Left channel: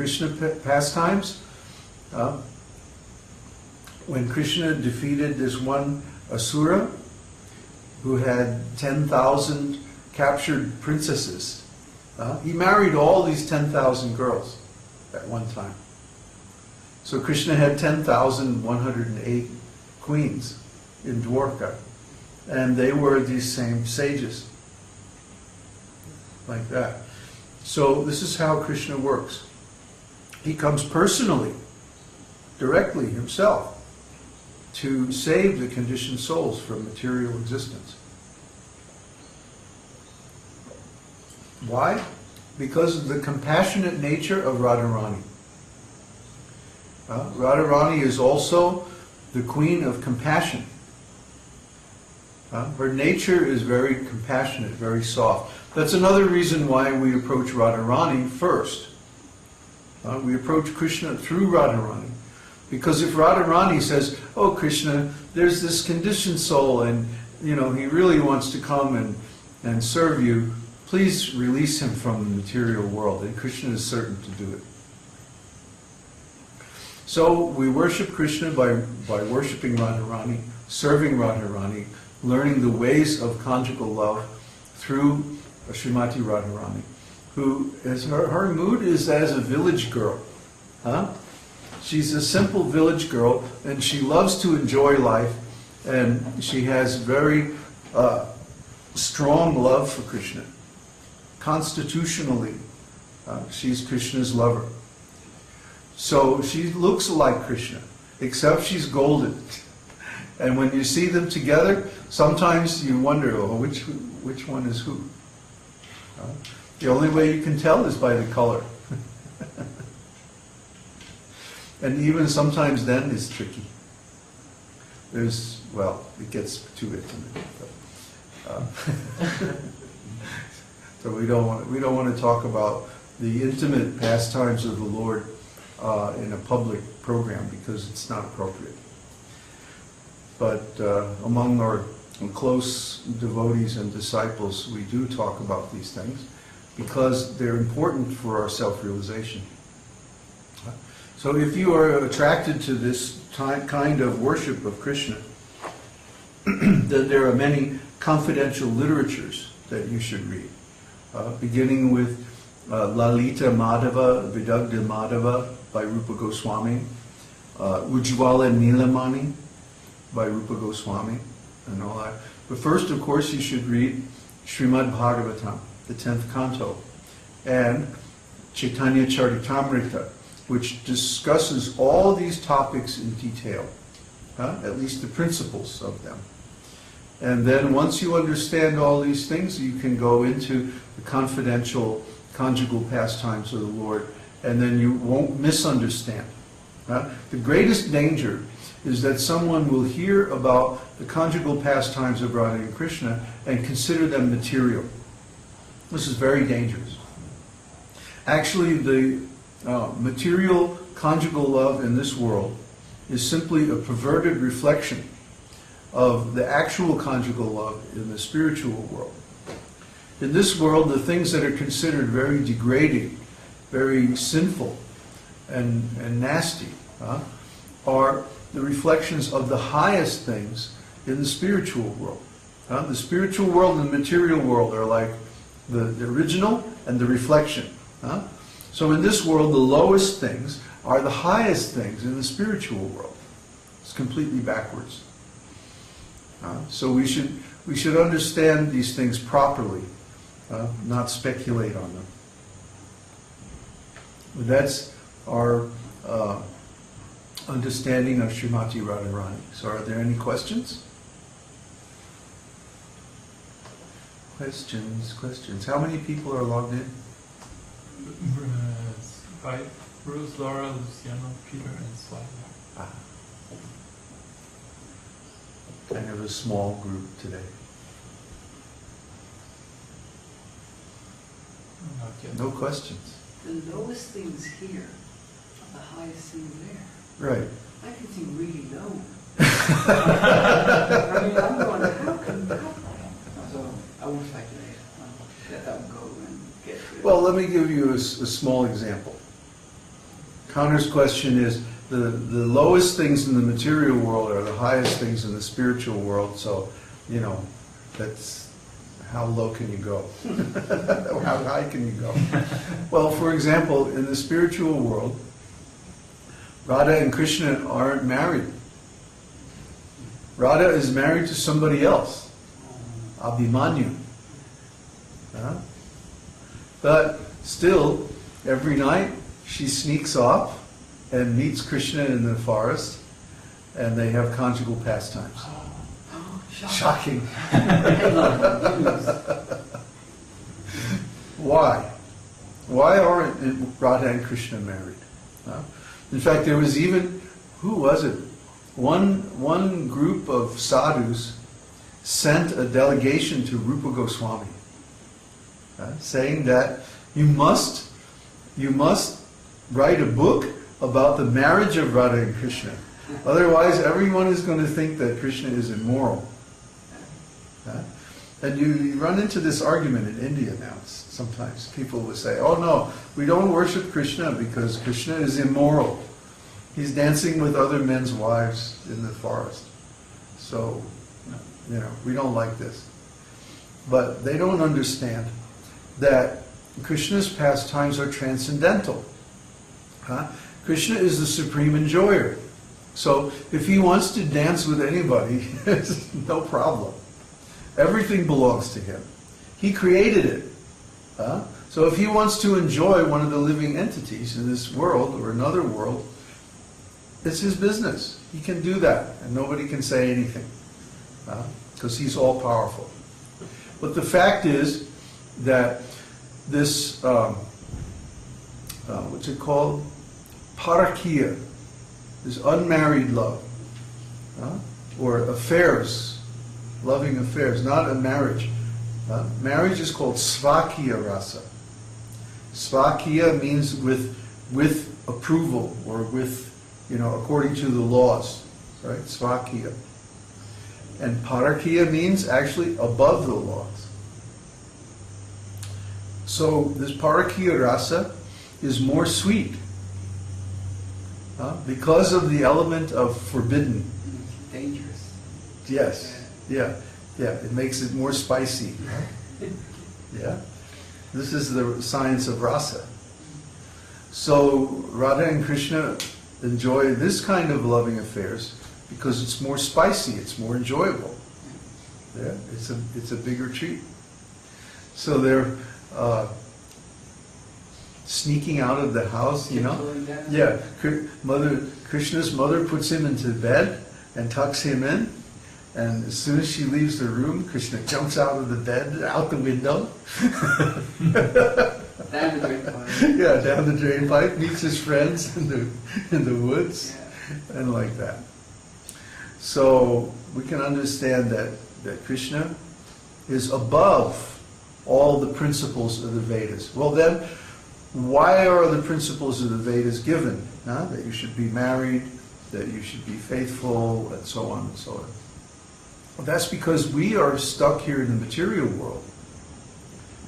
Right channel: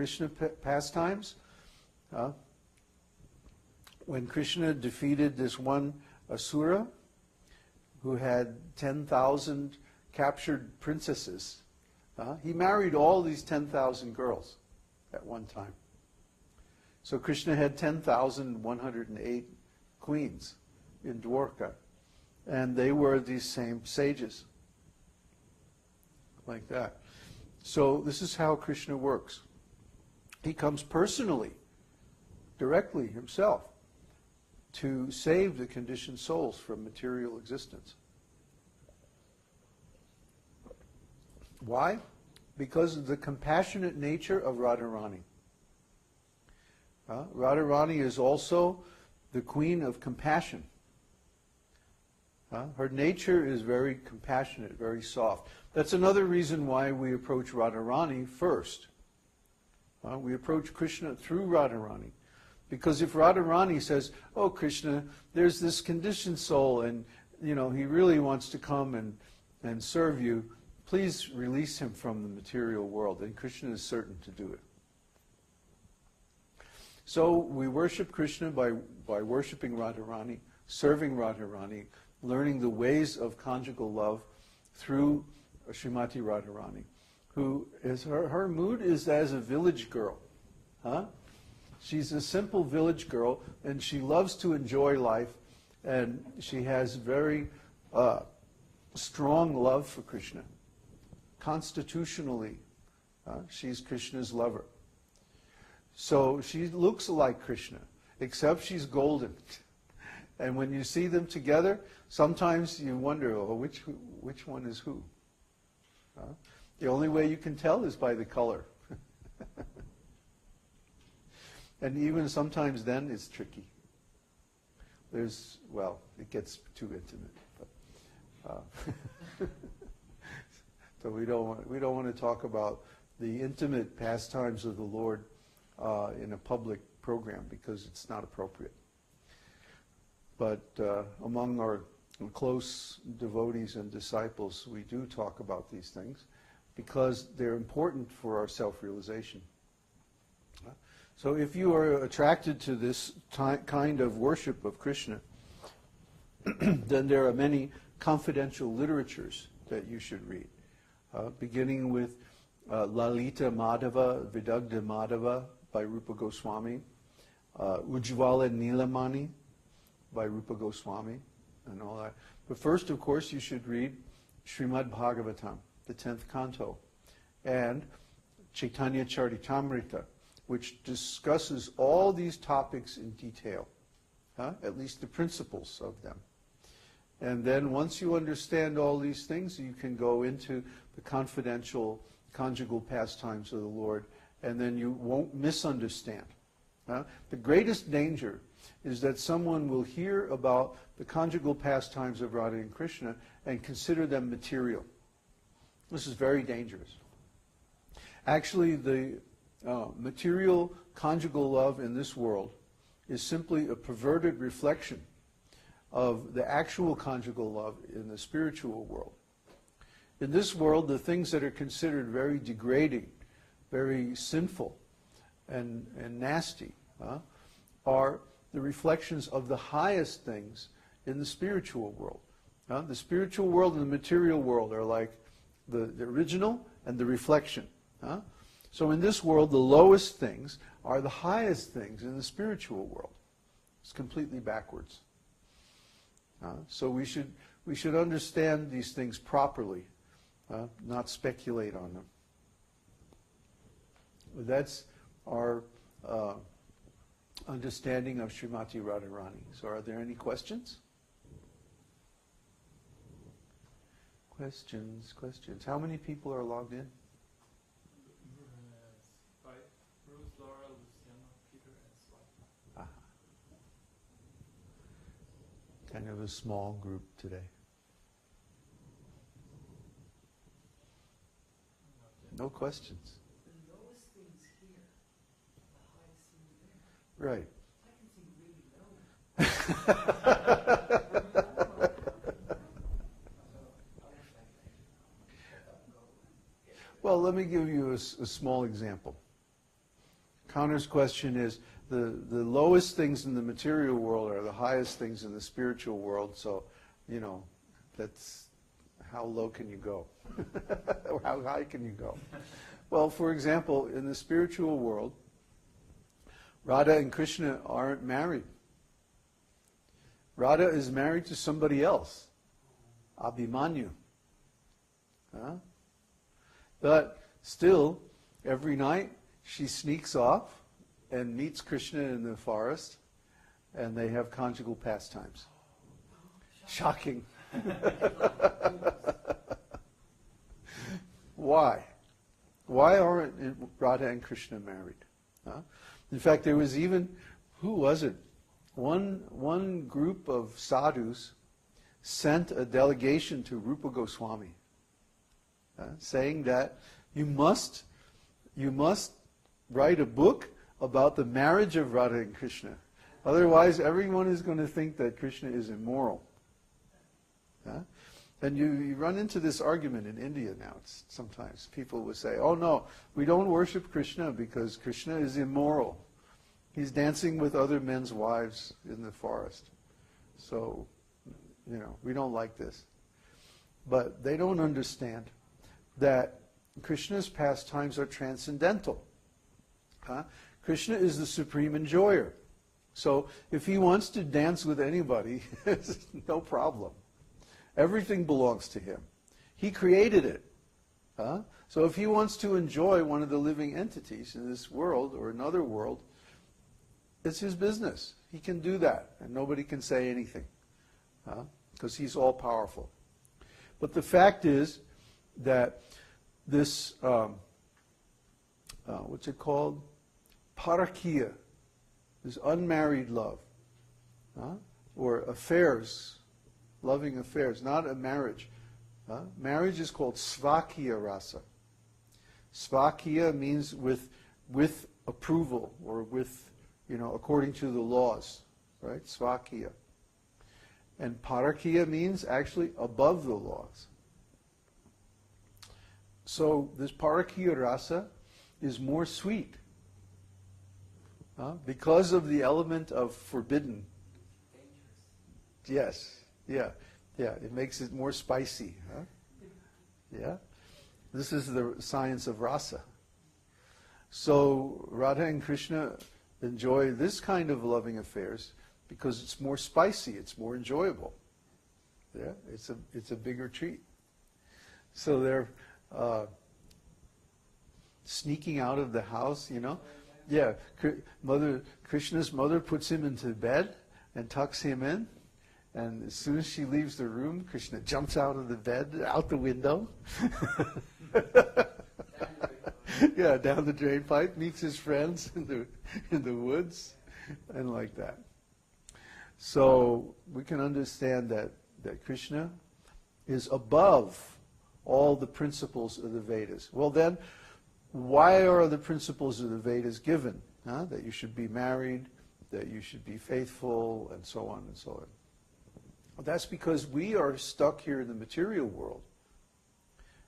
Krishna pastimes, when Krishna defeated this one asura who had 10,000 captured princesses, he married all these 10,000 girls at one time. So Krishna had 10,108 queens in Dwarka, and they were these same sages, like that. So this is how Krishna works. He comes personally, directly himself, to save the conditioned souls from material existence. Why? Because of the compassionate nature of Radharāṇī. Radharāṇī is also the queen of compassion. Her nature is very compassionate, very soft. That's another reason why we approach Radharāṇī first. We approach Krishna through Radharāṇī. Because if Radharāṇī says, oh Krishna, there's this conditioned soul and he really wants to come and serve you, please release him from the material world. And Krishna is certain to do it. So we worship Krishna by worshiping Radharāṇī, serving Radharāṇī, learning the ways of conjugal love through Śrīmatī Rādhārāṇī, who is her mood is as a village girl. She's a simple village girl, and she loves to enjoy life, and she has very strong love for Krishna. Constitutionally, she's Krishna's lover. So she looks like Krishna, except she's golden. And when you see them together, sometimes you wonder, oh, which one is who? The only way you can tell is by the color. And even sometimes then it's tricky. It gets too intimate. So we don't want to talk about the intimate pastimes of the Lord in a public program because it's not appropriate. But among our close devotees and disciples, we do talk about these things because they're important for our self-realization. So if you are attracted to this kind of worship of Krishna, then there are many confidential literatures that you should read, beginning with Lalita Madhava, Vidagdha Madhava by Rupa Goswami, Ujjvala Nilamani by Rupa Goswami, and all that. But first, of course, you should read Śrīmad Bhagavatam, the 10th canto, and Chaitanya Charitamrita, which discusses all these topics in detail, at least the principles of them. And then once you understand all these things, you can go into the confidential conjugal pastimes of the Lord, and then you won't misunderstand. The greatest danger is that someone will hear about the conjugal pastimes of Radha and Krishna and consider them material. This is very dangerous. Actually, the material conjugal love in this world is simply a perverted reflection of the actual conjugal love in the spiritual world. In this world, the things that are considered very degrading, very sinful, and nasty are the reflections of the highest things in the spiritual world. The spiritual world and the material world are like the original and the reflection. So in this world, the lowest things are the highest things in the spiritual world. It's completely backwards. So we should understand these things properly, not speculate on them. That's our understanding of Śrīmatī Rādhārāṇī. So are there any questions? Questions. How many people are logged in? Bruce, Laura, Luciano, Peter, and Swaga. Kind of a small group today. Not yet. No questions. The lowest things here are the highest things there. Right. I can see really low. I mean, I'm going, how can that? So I won't speculate. Let them go and get rid of it. Well, let me give you a small example. Connor's question is, the lowest things in the material world are the highest things in the spiritual world, so, you know, that's, how low can you go? How high can you go? Well, for example, in the spiritual world, Radha and Krishna aren't married. Radha is married to somebody else, Abhimanyu. But still, every night she sneaks off and meets Krishna in the forest, and they have conjugal pastimes. Shocking. Why? Why aren't Radha and Krishna married? In fact, there was even, who was it? One group of sadhus sent a delegation to Rupa Goswami, saying that you must write a book about the marriage of Radha and Krishna. Otherwise, everyone is going to think that Krishna is immoral. And you run into this argument in India now. Sometimes people will say, oh no, we don't worship Krishna because Krishna is immoral. He's dancing with other men's wives in the forest. So, you know, we don't like this. But they don't understand that Krishna's pastimes are transcendental. Krishna is the supreme enjoyer. So if he wants to dance with anybody, it's no problem. Everything belongs to him. He created it. So if he wants to enjoy one of the living entities in this world or another world, it's his business. He can do that, and nobody can say anything, because he's all powerful. But the fact is that this, what's it called? Parakiya, this unmarried love, or affairs, loving affairs, not a marriage. Marriage is called svakiya rasa. Svakiya means with approval, or with, you know, according to the laws, right? Svakiya. And parakiya means actually above the laws. So this parakiya rasa is more sweet because of the element of forbidden. Dangerous. Yes, yeah. It makes it more spicy. Yeah. This is the science of rasa. So Radha and Krishna enjoy this kind of loving affairs because it's more spicy, it's more enjoyable. Yeah, it's a bigger treat. So they're sneaking out of the house, you know. Yeah, Krishna's mother puts him into bed and tucks him in. And as soon as she leaves the room, Krishna jumps out of the bed, out the window. Down the drain pipe. Yeah, down the drain pipe, meets his friends in the woods, and like that. So we can understand that Krishna is above all the principles of the Vedas. Well then, why are the principles of the Vedas given? That you should be married, that you should be faithful, and so on and so on. Well, that's because we are stuck here in the material world,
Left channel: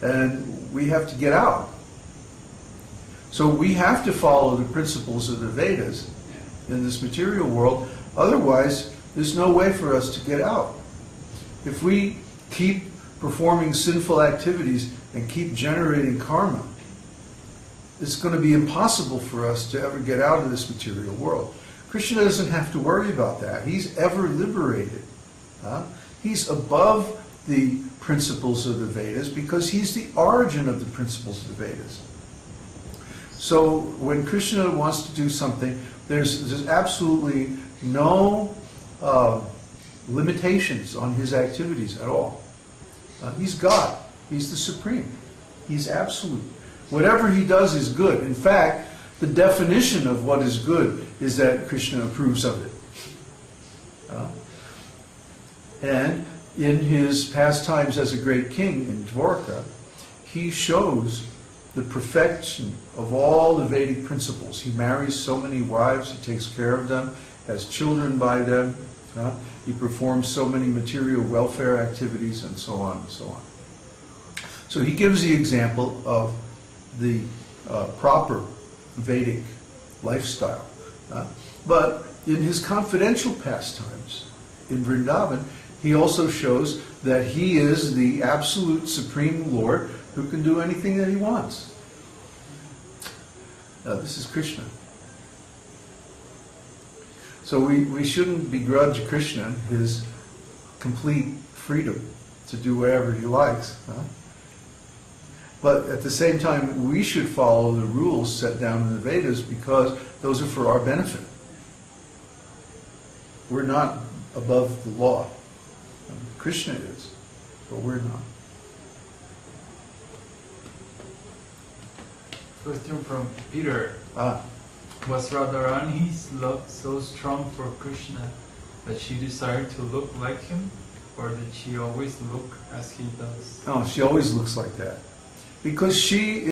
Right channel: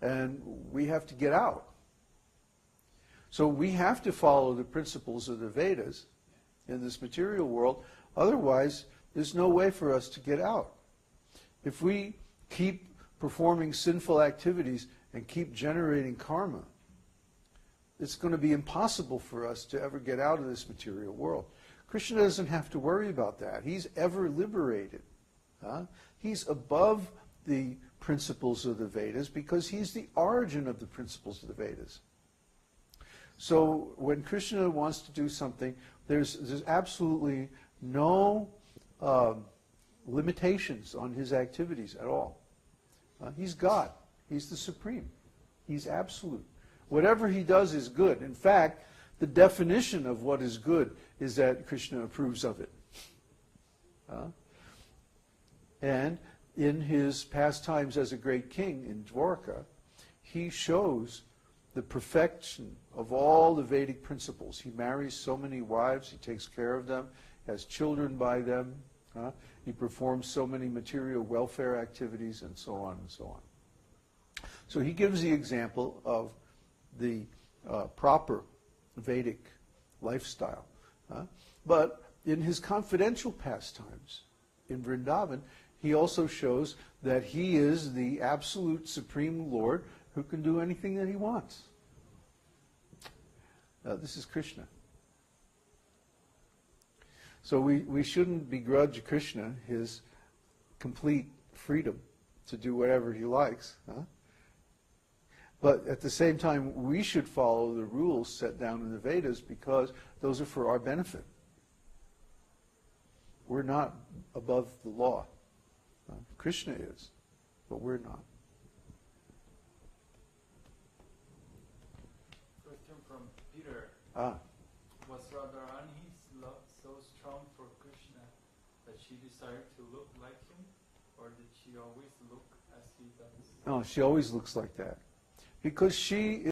and we have to get out. So we have to follow the principles of the Vedas in this material world, otherwise there's no way for us to get out. If we keep performing sinful activities and keep generating karma, it's going to be impossible for us to ever get out of this material world. Krishna doesn't have to worry about that. He's ever liberated. He's above the principles of the Vedas because he's the origin of the principles of the Vedas. So when Krishna wants to do something, there's absolutely no limitations on his activities at all. He's God. He's the Supreme. He's absolute. Whatever he does is good. In fact, the definition of what is good is that Krishna approves of it. And in his pastimes as a great king in Dwarka, he shows the perfection of all the Vedic principles. He marries so many wives, he takes care of them, has children by them, he performs so many material welfare activities, and so on and so on. So he gives the example of the proper Vedic lifestyle. But in his confidential pastimes in Vrindavan, he also shows that he is the absolute supreme Lord who can do anything that he wants. This is Krishna. So we shouldn't begrudge Krishna his complete freedom to do whatever he likes. But at the same time, we should follow the rules set down in the Vedas because those are for our benefit. We're not above the law. Krishna is, but we're not. Question from Peter. Ah, Was Radharāṇī's love so strong for Krishna that she desired to look like him, or did she always look as he does? no, she always looks like that. Because she